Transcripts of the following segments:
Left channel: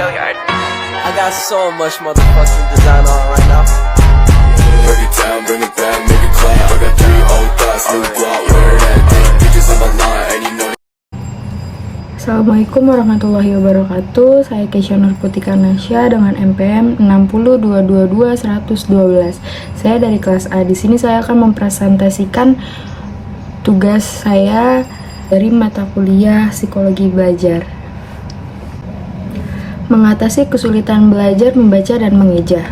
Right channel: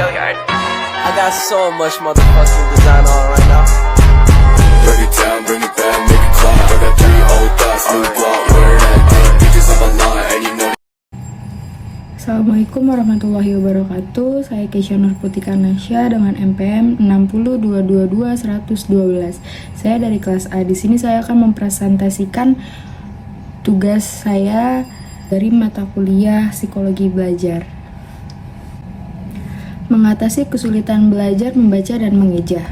I got so much motherfucking design on right now. Break it down, bring it back, make it clap. I got 3 old thoughts, new guap, wear that thing. Bitches on my line, and you know. Assalamualaikum warahmatullahi wabarakatuh. Saya Keisha Nurputika Nasya dengan MPM 60222-112. Saya dari kelas A. Di sini saya akan mempresentasikan tugas saya dari mata kuliah Psikologi Belajar. Mengatasi kesulitan belajar membaca dan mengeja.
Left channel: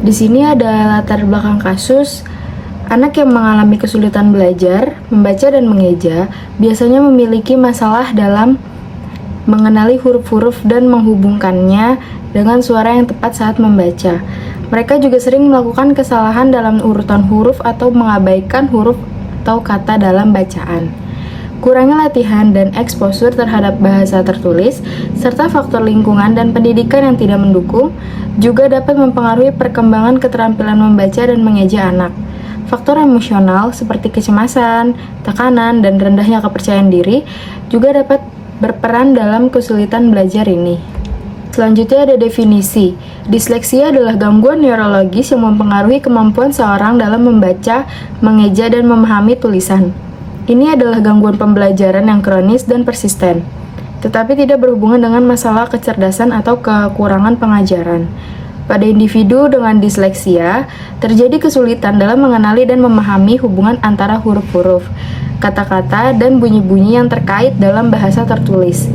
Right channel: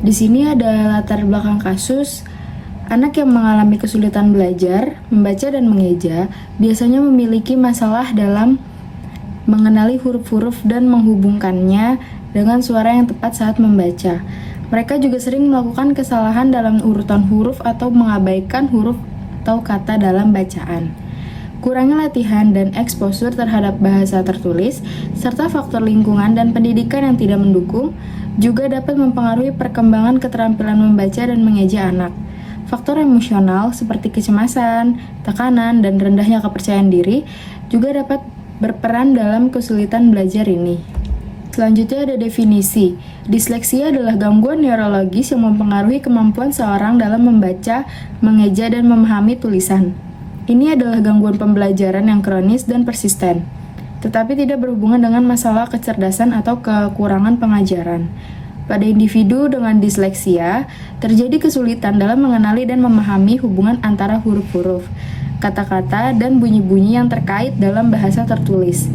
Di sini ada latar belakang kasus. Anak yang mengalami kesulitan belajar, membaca dan mengeja biasanya memiliki masalah dalam mengenali huruf-huruf dan menghubungkannya dengan suara yang tepat saat membaca. Mereka juga sering melakukan kesalahan dalam urutan huruf atau mengabaikan huruf atau kata dalam bacaan. Kurangnya latihan dan eksposur terhadap bahasa tertulis, serta faktor lingkungan dan pendidikan yang tidak mendukung, juga dapat mempengaruhi perkembangan keterampilan membaca dan mengeja anak. Faktor emosional seperti kecemasan, tekanan, dan rendahnya kepercayaan diri juga dapat berperan dalam kesulitan belajar ini. Selanjutnya ada definisi. Disleksia adalah gangguan neurologis yang mempengaruhi kemampuan seorang dalam membaca, mengeja, dan memahami tulisan. Ini adalah gangguan pembelajaran yang kronis dan persisten, tetapi tidak berhubungan dengan masalah kecerdasan atau kekurangan pengajaran. Pada individu dengan disleksia, terjadi kesulitan dalam mengenali dan memahami hubungan antara huruf-huruf, kata-kata, dan bunyi-bunyi yang terkait dalam bahasa tertulis.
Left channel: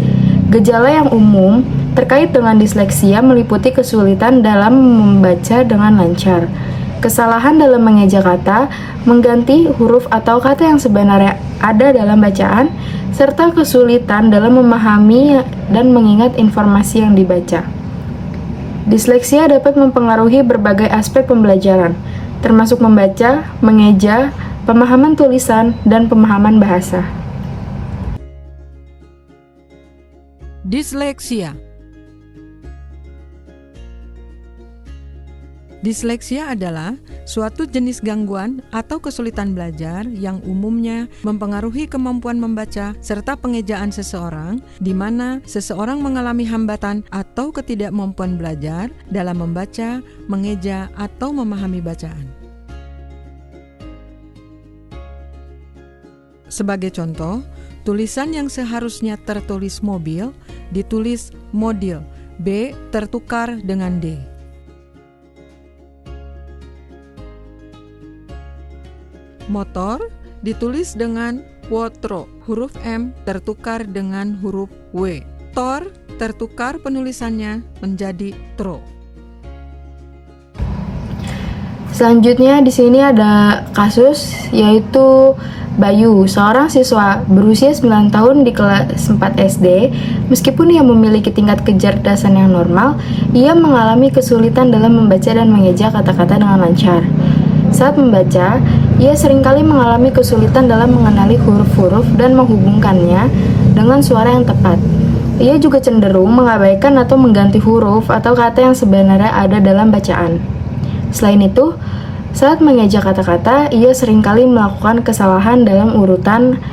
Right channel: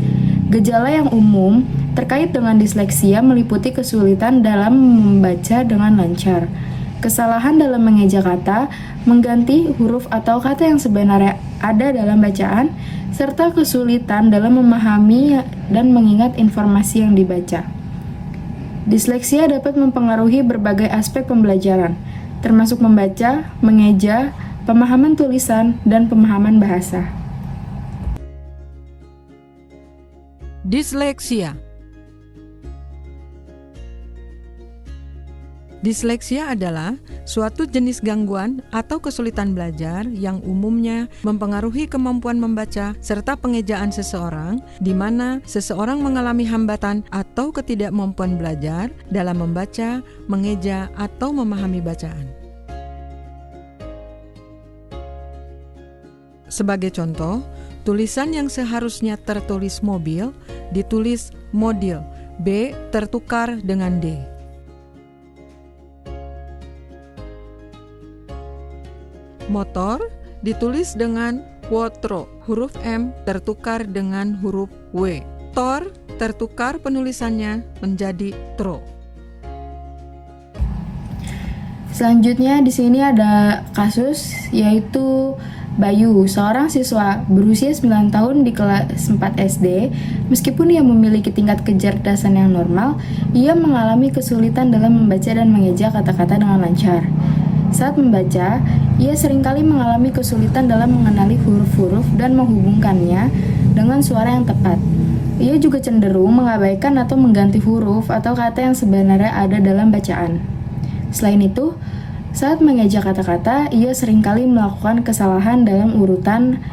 Gejala yang umum terkait dengan disleksia meliputi kesulitan dalam membaca dengan lancar, kesalahan dalam mengeja kata, mengganti huruf atau kata yang sebenarnya ada dalam bacaan, serta kesulitan dalam memahami dan mengingat informasi yang dibaca. Disleksia dapat mempengaruhi berbagai aspek pembelajaran, termasuk membaca, mengeja, pemahaman tulisan, dan pemahaman bahasa. Disleksia. Disleksia adalah suatu jenis gangguan atau kesulitan belajar yang umumnya mempengaruhi kemampuan membaca serta pengejaan seseorang, di mana seseorang mengalami hambatan atau ketidakmampuan belajar dalam membaca, mengeja, atau memahami bacaan. Sebagai contoh, tulisan yang seharusnya tertulis mobil ditulis modil, B tertukar dengan D. Motor ditulis dengan wotro, huruf M tertukar dengan huruf W. Tor tertukar penulisannya menjadi tro. Selanjutnya di sini ada kasus yaitu Bayu, seorang siswa berusia 9 tahun di kelas 4 SD. Meskipun ia memiliki tingkat kecerdasan yang normal, ia mengalami kesulitan dalam membaca dan mengeja kata-kata dengan lancar. Saat membaca, ia seringkali mengalami kesulitan dalam mengenali huruf-huruf dan menghubungkannya dengan suara yang tepat. Ia juga cenderung mengabaikan atau mengganti huruf atau kata yang sebenarnya ada dalam bacaan. Selain itu, saat mengeja kata-kata, ia seringkali melakukan kesalahan dalam urutan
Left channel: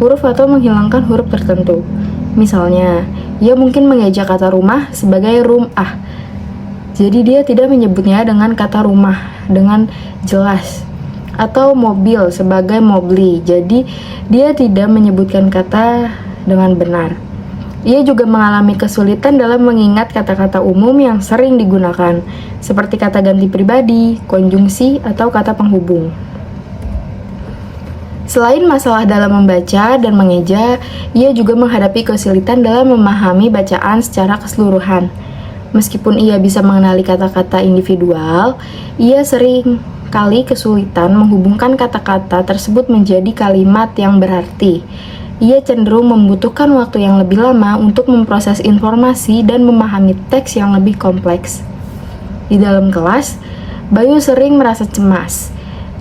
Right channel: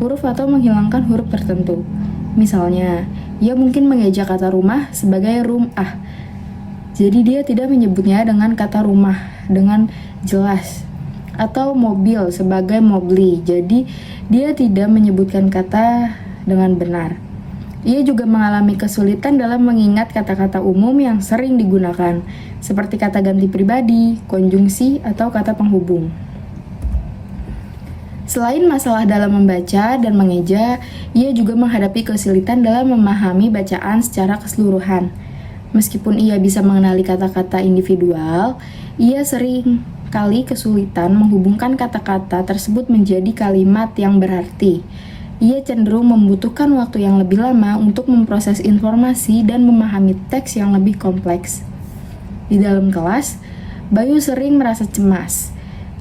huruf atau menghilangkan huruf tertentu. Misalnya, ia mungkin mengeja kata rumah sebagai rumah. Jadi dia tidak menyebutnya dengan kata rumah dengan jelas, atau mobil sebagai mobli. Jadi dia tidak menyebutkan kata dengan benar. Ia juga mengalami kesulitan dalam mengingat kata-kata umum yang sering digunakan, seperti kata ganti pribadi, konjungsi, atau kata penghubung. Selain masalah dalam membaca dan mengeja, ia juga menghadapi kesulitan dalam memahami bacaan secara keseluruhan. Meskipun ia bisa mengenali kata-kata individual, ia sering kali kesulitan menghubungkan kata-kata tersebut menjadi kalimat yang berarti. Ia cenderung membutuhkan waktu yang lebih lama untuk memproses informasi dan memahami teks yang lebih kompleks. Di dalam kelas, Bayu sering merasa cemas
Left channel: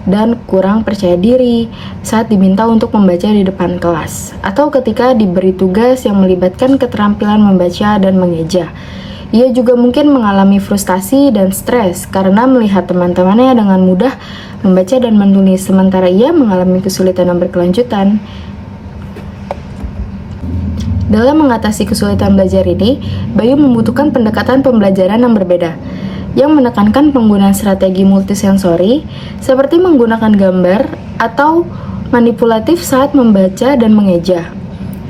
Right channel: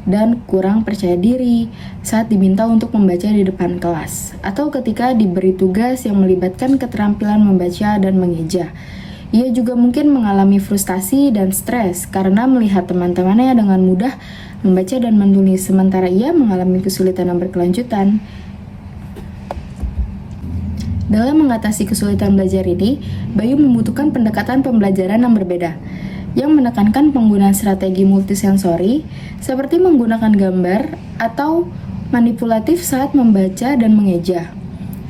dan kurang percaya diri saat diminta untuk membaca di depan kelas, atau ketika diberi tugas yang melibatkan keterampilan membaca dan mengeja. Ia juga mungkin mengalami frustasi dan stres karena melihat teman-temannya dengan mudah membaca dan menulis, sementara ia mengalami kesulitan yang berkelanjutan. Dalam mengatasi kesulitan belajar ini, Bayu membutuhkan pendekatan pembelajaran yang berbeda, yang menekankan penggunaan strategi multisensori, seperti menggunakan gambar atau manipulatif saat membaca dan mengeja.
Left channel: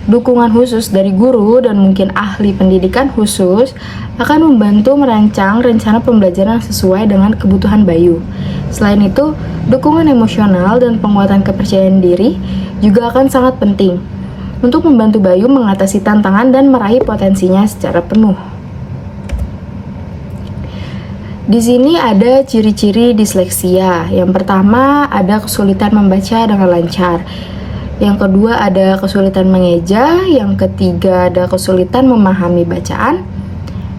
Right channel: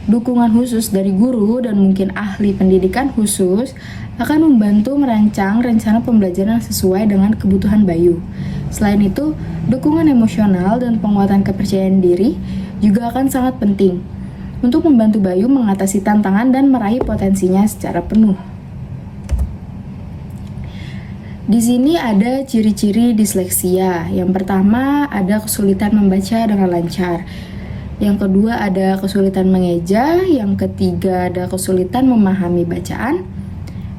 Dukungan khusus dari guru dan mungkin ahli pendidikan khusus akan membantu merancang rencana pembelajaran sesuai dengan kebutuhan Bayu. Selain itu, dukungan emosional dan penguatan kepercayaan diri juga akan sangat penting untuk membantu Bayu mengatasi tantangan dan meraih potensinya secara penuh. Di sini ada ciri-ciri disleksia. Yang pertama, ada kesulitan membaca dengan lancar. Yang kedua, ada kesulitan mengeja. Yang ketiga, ada kesulitan memahami bacaan.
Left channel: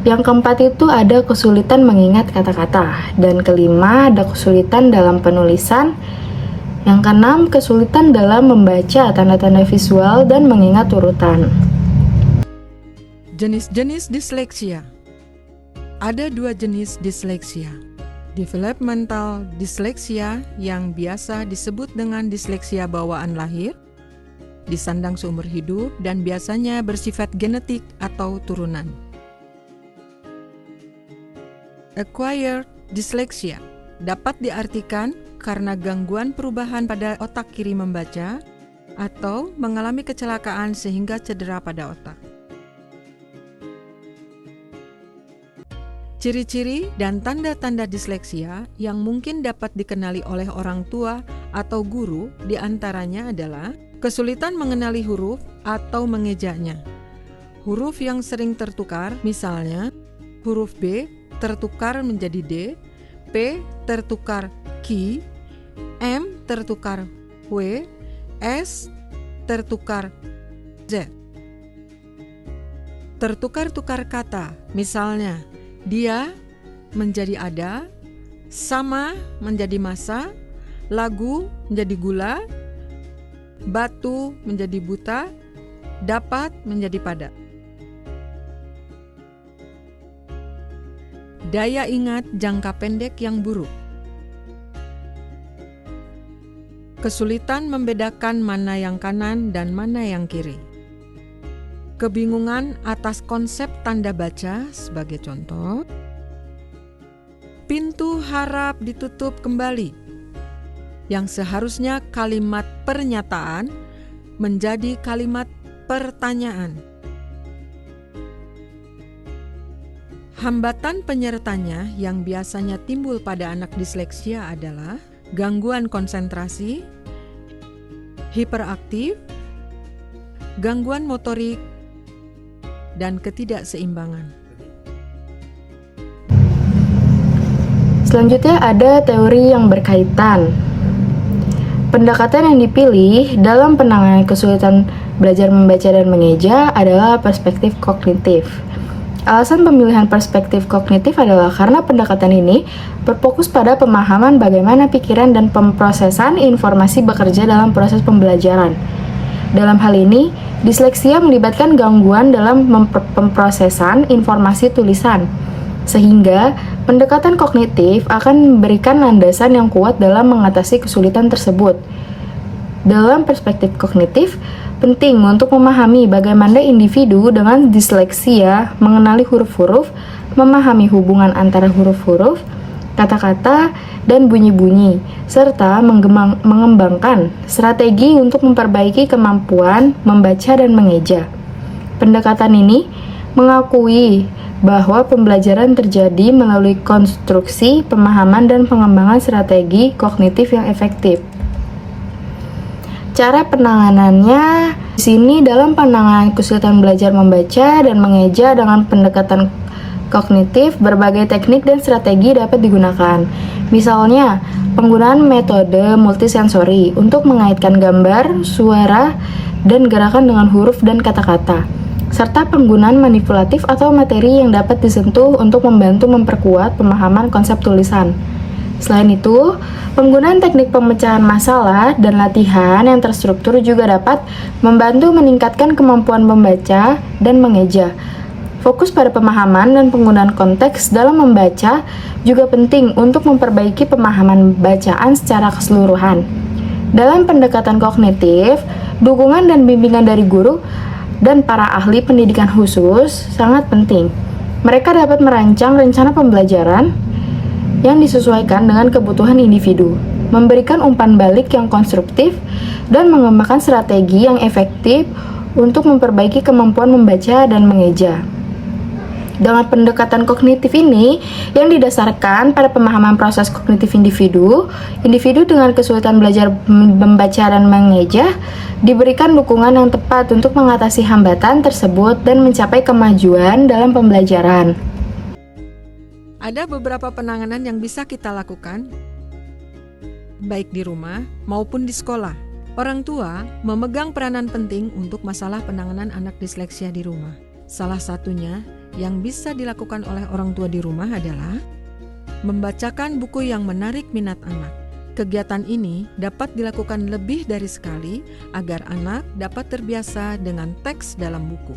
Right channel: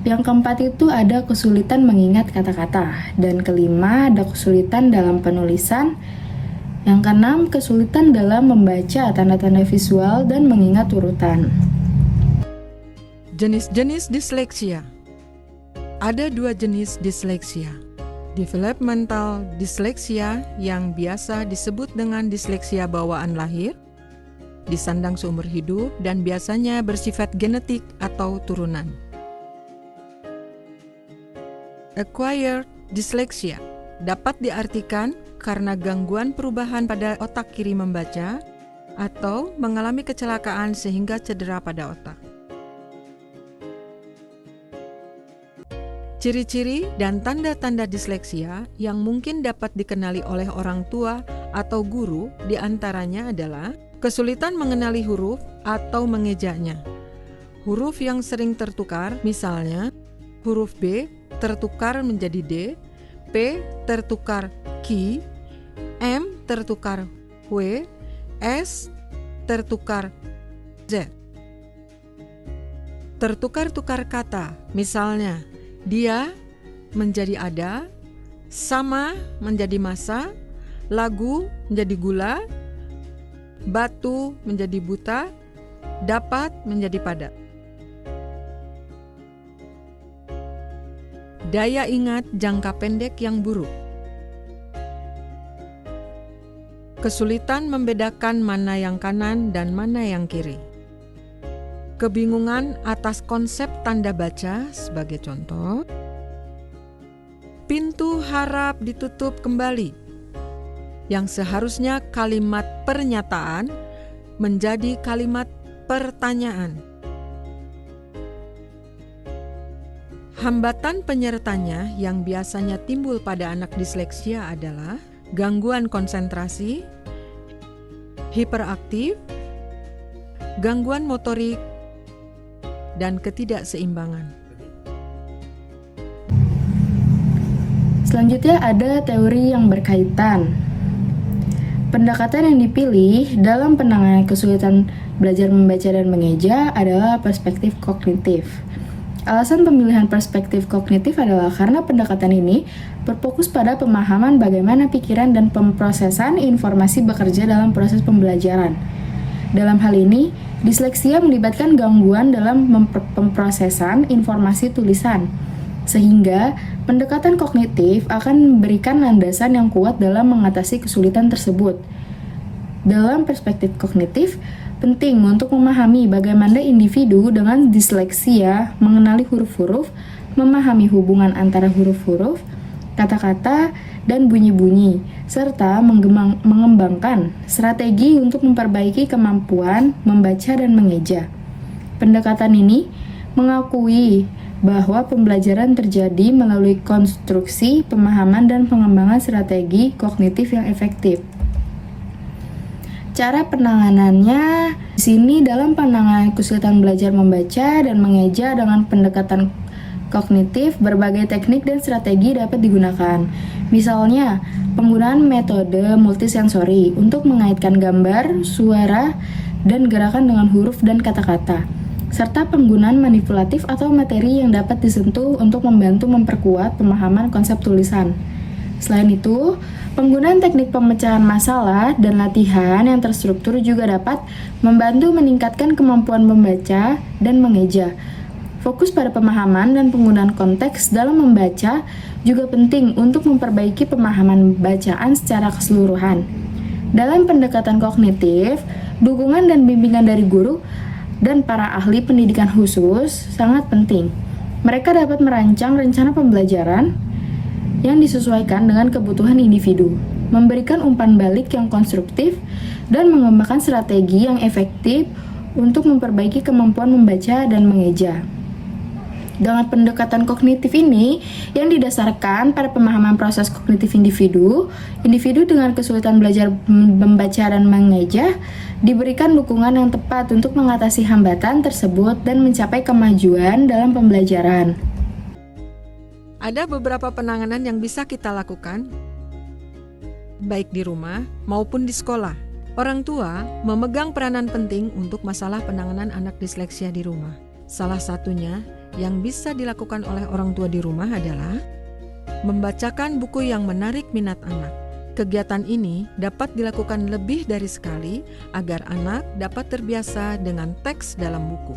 Yang keempat itu ada kesulitan mengingat kata-kata. Dan kelima, ada kesulitan dalam penulisan. Yang keenam, kesulitan dalam membaca tanda-tanda visual dan mengingat urutan. Jenis-jenis disleksia. Ada 2 jenis disleksia. Developmental disleksia yang biasa disebut dengan disleksia bawaan lahir, disandang seumur hidup, dan biasanya bersifat genetik atau turunan. Acquired dyslexia dapat diartikan karena gangguan perubahan pada otak kiri membaca atau mengalami kecelakaan sehingga cedera pada otak. Ciri-ciri dan tanda-tanda disleksia yang mungkin dapat dikenali oleh orang tua atau guru diantaranya adalah kesulitan mengenali huruf atau mengejanya. Huruf yang sering tertukar, misalnya huruf B tertukar menjadi D, P tertukar Ki, M tertukar W, S tertukar Z. Tertukar-tukar kata, misalnya dia menjadi ada, sama menjadi masa, lagu menjadi gula, batu menjadi buta, dapat menjadi pada. Daya ingat jangka pendek yang buruk. Kesulitan membedakan mana yang kanan dan mana yang kiri. Kebingungan atas konsep tanda baca sebagai contoh. Pintu harap ditutup kembali. Yang seharusnya kalimat pernyataan menjadi kalimat pertanyaan. Hambatan penyertanya yang biasanya timbul pada anak disleksia adalah gangguan konsentrasi, hiperaktif, gangguan motorik, dan ketidakseimbangan. Selanjutnya ada teori yang berkaitan. Pendekatan yang dipilih dalam penanganan kesulitan belajar membaca dan mengeja adalah perspektif kognitif. Alasan pemilihan perspektif kognitif adalah karena pendekatan ini berfokus pada pemahaman bagaimana pikiran dan pemrosesan informasi bekerja dalam proses pembelajaran. Dalam hal ini, disleksia melibatkan gangguan dalam pemrosesan informasi tulisan, sehingga pendekatan kognitif akan memberikan landasan yang kuat dalam mengatasi kesulitan tersebut. Dalam perspektif kognitif, penting untuk memahami bagaimana individu dengan disleksia mengenali huruf-huruf, memahami hubungan antara huruf-huruf, kata-kata, dan bunyi-bunyi, serta mengembangkan strategi untuk memperbaiki kemampuan membaca dan mengeja. Pendekatan ini mengakui bahwa pembelajaran terjadi melalui konstruksi, pemahaman, dan pengembangan strategi kognitif yang efektif. Cara penanganannya di sini dalam penanganan kesulitan belajar membaca dan mengeja dengan pendekatan kognitif, berbagai teknik dan strategi dapat digunakan. Misalnya, penggunaan metode multisensori untuk mengaitkan gambar, suara, dan gerakan dengan huruf dan kata-kata, serta penggunaan manipulatif atau materi yang dapat disentuh untuk membantu memperkuat pemahaman konsep tulisan. Selain itu, penggunaan teknik pemecahan masalah dan latihan yang terstruktur juga dapat membantu meningkatkan kemampuan membaca dan mengeja. Fokus pada pemahaman dan penggunaan konteks dalam membaca juga penting untuk memperbaiki pemahaman bacaan secara keseluruhan. Dalam pendekatan kognitif, dukungan dan bimbingan dari guru dan para ahli pendidikan khusus sangat penting. Mereka dapat merancang rencana pembelajaran yang disesuaikan dengan kebutuhan individu, memberikan umpan balik yang konstruktif, dan mengembangkan strategi yang efektif untuk memperbaiki kemampuan membaca dan mengeja. Dengan pendekatan kognitif ini yang didasarkan pada pemahaman proses kognitif individu dengan kesulitan belajar membaca dan mengeja diberikan dukungan yang tepat untuk mengatasi hambatan tersebut dan mencapai kemajuan dalam pembelajaran. Ada beberapa penanganan yang bisa kita lakukan, baik di rumah maupun di sekolah. Orang tua memegang peranan penting untuk masalah penanganan anak disleksia di rumah. Salah satunya yang bisa dilakukan oleh orang tua di rumah adalah membacakan buku yang menarik minat anak. Kegiatan ini dapat dilakukan lebih dari sekali agar anak dapat terbiasa dengan teks dalam buku.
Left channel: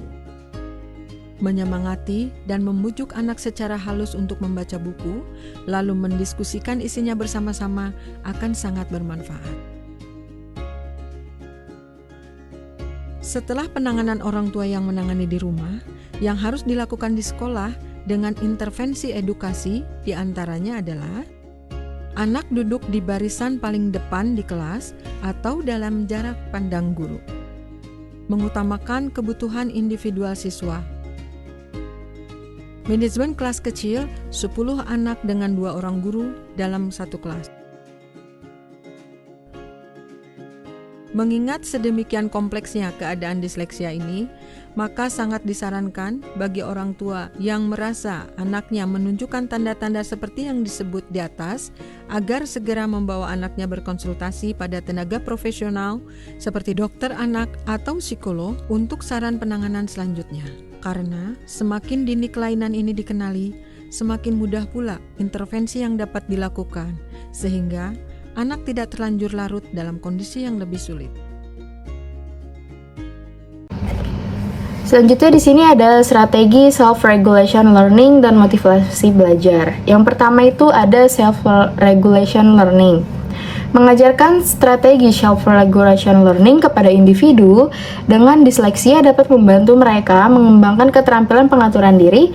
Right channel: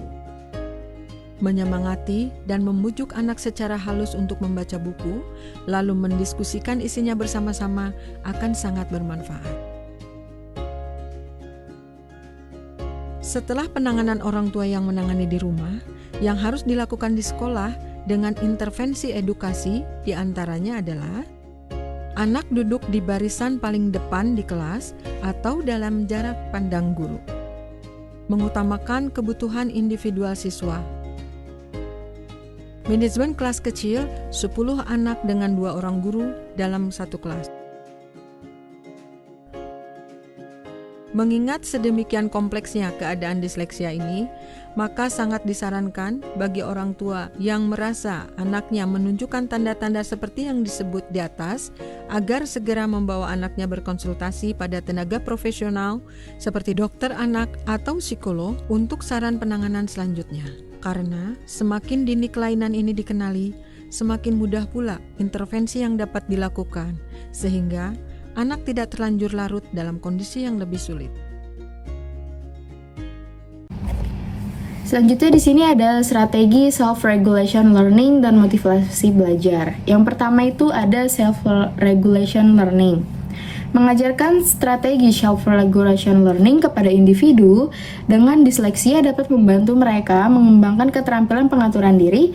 Menyemangati dan membujuk anak secara halus untuk membaca buku, lalu mendiskusikan isinya bersama-sama akan sangat bermanfaat. Setelah penanganan orang tua yang menangani di rumah, yang harus dilakukan di sekolah dengan intervensi edukasi diantaranya adalah anak duduk di barisan paling depan di kelas atau dalam jarak pandang guru, mengutamakan kebutuhan individual siswa, manajemen kelas kecil 10 anak dengan 2 orang guru dalam satu kelas. Mengingat sedemikian kompleksnya keadaan disleksia ini, maka sangat disarankan bagi orang tua yang merasa anaknya menunjukkan tanda-tanda seperti yang disebut di atas, agar segera membawa anaknya berkonsultasi pada tenaga profesional seperti dokter anak atau psikolog untuk saran penanganan selanjutnya. Karena semakin dini kelainan ini dikenali, semakin mudah pula intervensi yang dapat dilakukan, sehingga anak tidak terlanjur larut dalam kondisi yang lebih sulit. Selanjutnya di sini ada strategi self-regulation learning dan motivasi belajar. Yang pertama itu ada self-regulation learning. Mengajarkan strategi self-regulation learning kepada individu dengan disleksia dapat membantu mereka mengembangkan keterampilan pengaturan diri,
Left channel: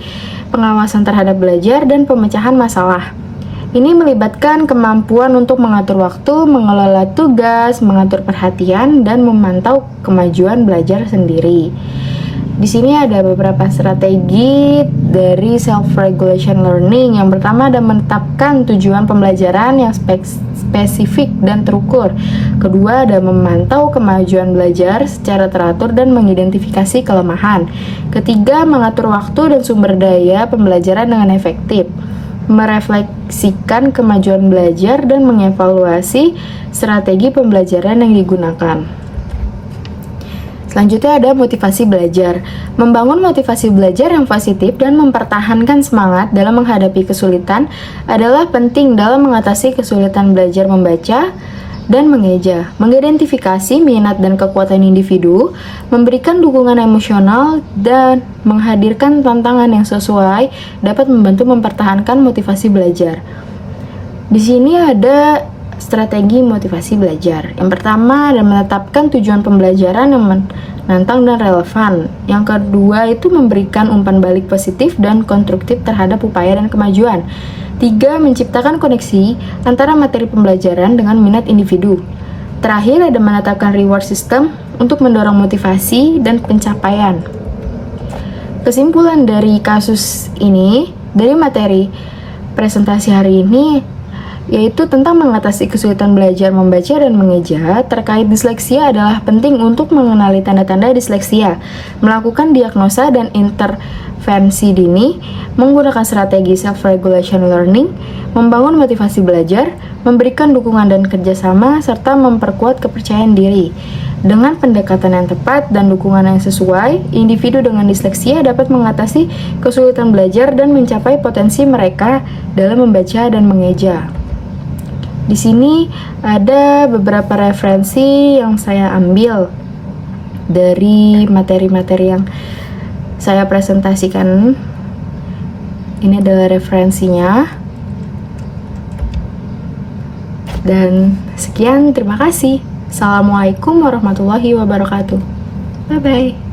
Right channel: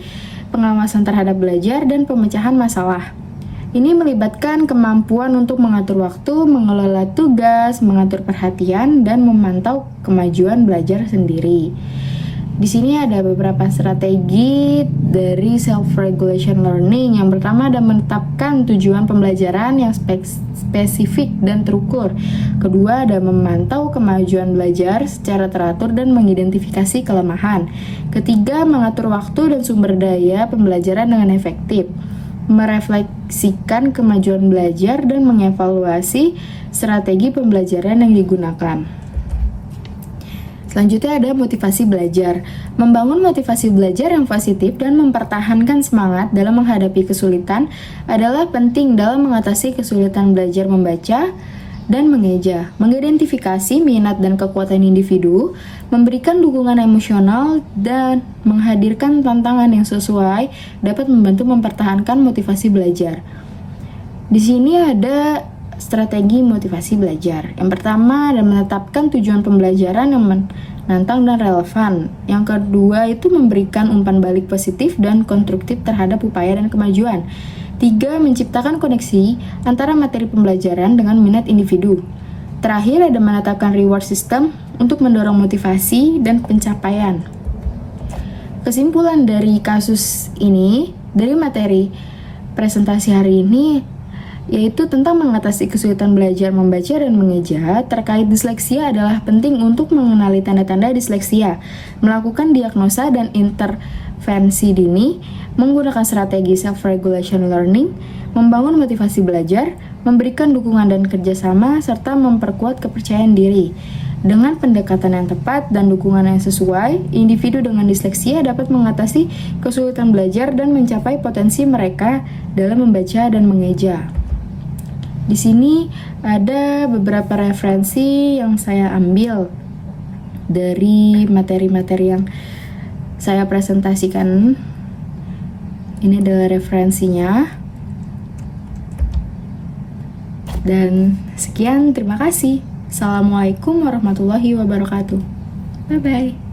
pengawasan terhadap belajar, dan pemecahan masalah. Ini melibatkan kemampuan untuk mengatur waktu, mengelola tugas, mengatur perhatian, dan memantau kemajuan belajar sendiri. Di sini ada beberapa strategi dari self-regulation learning. Yang pertama ada menetapkan tujuan pembelajaran yang spesifik dan terukur. Kedua ada memantau kemajuan belajar secara teratur dan mengidentifikasi kelemahan. Ketiga, mengatur waktu dan sumber daya pembelajaran dengan efektif. Merefleksikan kemajuan belajar dan mengevaluasi strategi pembelajaran yang digunakan. Selanjutnya ada motivasi belajar. Membangun motivasi belajar yang positif dan mempertahankan semangat dalam menghadapi kesulitan adalah penting dalam mengatasi kesulitan belajar membaca dan mengeja, mengidentifikasi minat dan kekuatan individu, memberikan dukungan emosional, dan menghadirkan tantangan yang sesuai dapat membantu mempertahankan motivasi belajar. Di sini ada strategi motivasi belajar. Yang pertama adalah menetapkan tujuan pembelajaran yang menantang dan relevan. Yang kedua itu memberikan umpan balik positif dan konstruktif terhadap upaya dan kemajuan. 3. Menciptakan koneksi antara materi pembelajaran dengan minat individu. Terakhir ada menetapkan reward system untuk mendorong motivasi dan pencapaian. Kesimpulan dari kasus ini, dari materi presentasi hari ini, yaitu tentang mengatasi kesulitan belajar membaca dan mengeja terkait disleksia adalah penting untuk mengenali tanda-tanda disleksia, melakukan diagnosa dan intervensi dini, menggunakan strategi self-regulation learning, membangun motivasi belajar, memberikan dukungan dan kerjasama, serta memperkuat kepercayaan diri. Dengan pendekatan yang tepat dan dukungan yang sesuai, individu dengan disleksia dapat mengatasi kesulitan belajar dan mencapai potensi mereka dalam membaca dan mengeja. Di sini ada beberapa referensi yang saya ambil dari materi-materi yang saya presentasikan. Ini adalah referensinya. Dan sekian, terima kasih. Assalamualaikum warahmatullahi wabarakatuh. Bye-bye.